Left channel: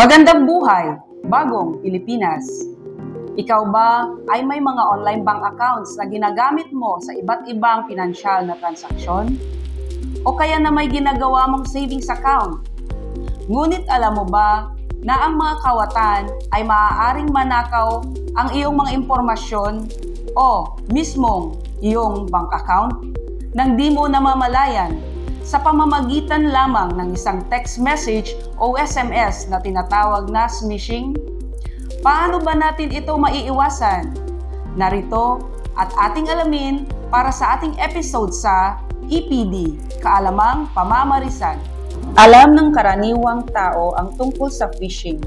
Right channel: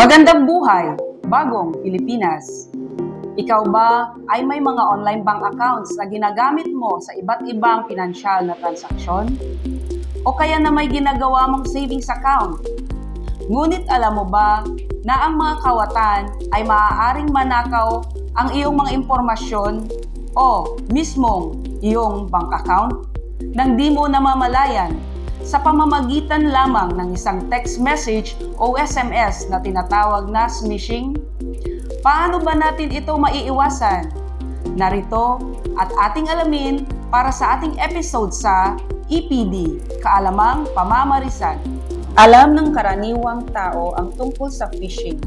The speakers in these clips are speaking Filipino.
Magandang buhay, bagong Pilipinas. Ikaw ba ay may mga online bank accounts na ginagamit mo sa iba't ibang pinansyal na transaksyon? O kaya na may ginagawa mong savings account? Ngunit alam mo ba na ang mga kawatan ay maaaring manakaw ang iyong mga impormasyon o mismong iyong bank account nang di mo namamalayan sa pamamagitan lamang ng isang text message o SMS na tinatawag na smishing? Paano ba natin ito maiiwasan? Narito at ating alamin para sa ating episode sa EPD, Kaalamang Pamamarisan. Alam ng karaniwang tao ang tungkol sa phishing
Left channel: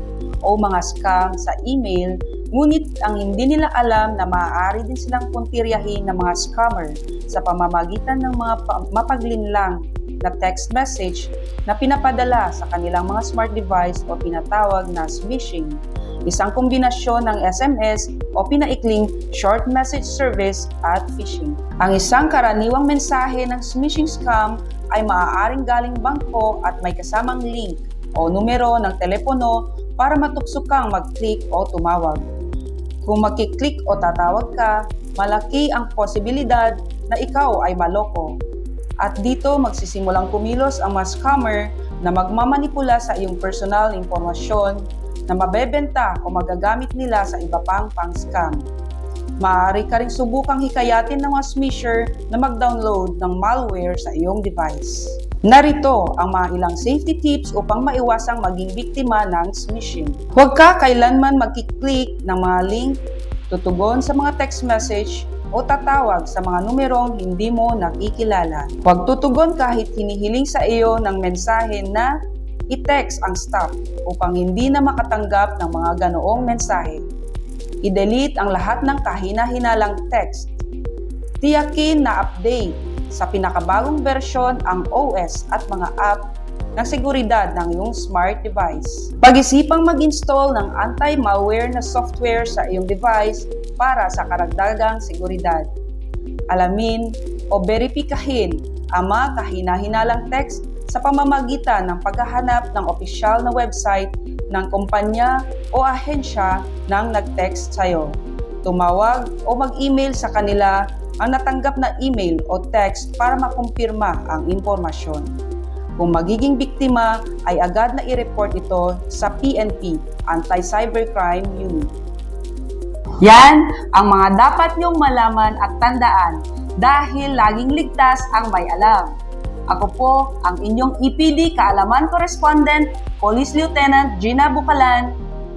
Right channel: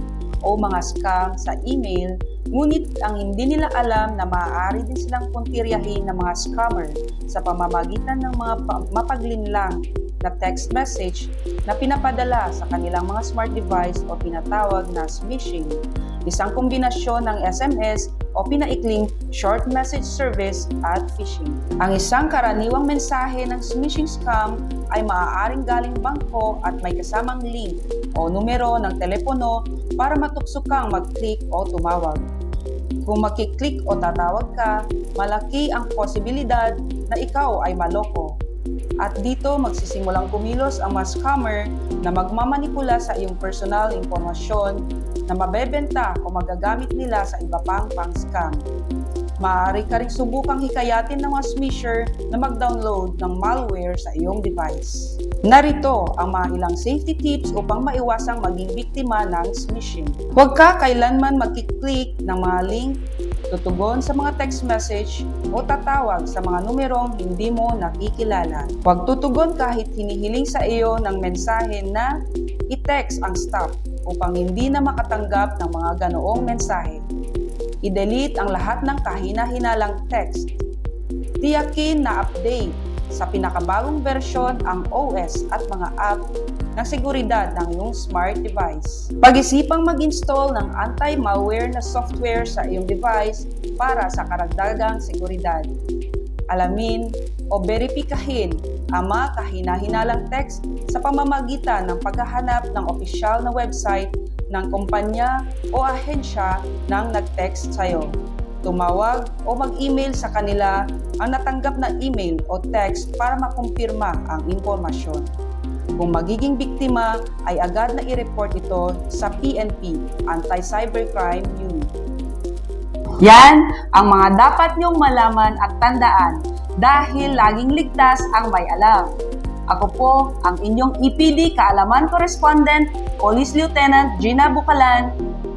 o mga scam sa email, ngunit ang hindi nila alam na maaari din silang puntiryahin ng mga scammer sa pamamagitan ng mga mapaglinlang na text message na pinapadala sa kanilang mga smart device o tinatawag na smishing, isang kombinasyon ng SMS o pinaikling short message service at phishing. Ang isang karaniwang mensahe ng smishing scam ay maaaring galing bangko at may kasamang link o numero ng telepono para matukso kang mag-click o tumawag. Kung makiklik o tatawag ka, malaki ang posibilidad na ikaw ay maloko. At dito magsisimulang kumilos ang mga scammer na magmamanipula sa iyong personal impormasyon na mabebenta o magagamit nila sa iba pang pang-scam. Maaari ka ring subukang hikayatin ng mga smisher na mag-download ng malware sa iyong device. Narito ang mga ilang safety tips upang maiwasang maging biktima ng smishing. Huwag ka kailanman magkiklik ng mga link, tutugon sa mga text message o tatawag sa mga numerong hindi mo nakikilala. Huwag tutugon kahit hinihiling sa iyo ng mensahe na i-text ang stop upang hindi na makatanggap ng mga ganoong mensahe. I-delete ang lahat ng kahina-hinalang text. Tiyakin na update sa pinakabagong bersyon ang OS at mga app ng seguridad ng iyong smart device. Pag-isipang mag-install ng anti-malware na software sa iyong device para sa karagdagang seguridad. Alamin o beripikahin ang mga kahina-hinalang text sa pamamagitan ng paghahanap ng opisyal na website ng kumpanya o ahensya ng nag-text sa iyo. Tumawag o mag-email sa kanila ang natanggap na email o text para makumpirma ang impormasyon. Kung magiging biktima, ay agad na i-report ito sa PNP, Anti-Cybercrime Unit. Yan ang mga dapat niyong malaman at tandaan dahil laging ligtas ang may alam. Ako po ang inyong EPD Kaalaman Correspondent, Police Lieutenant Gina Bucalan,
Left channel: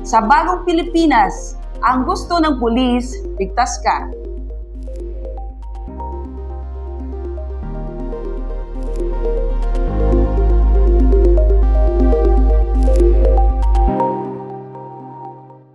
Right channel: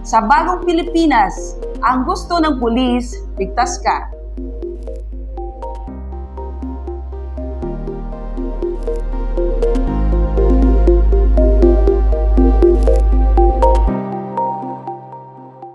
sa Bagong Pilipinas. Ang gusto ng pulis, ligtas ka.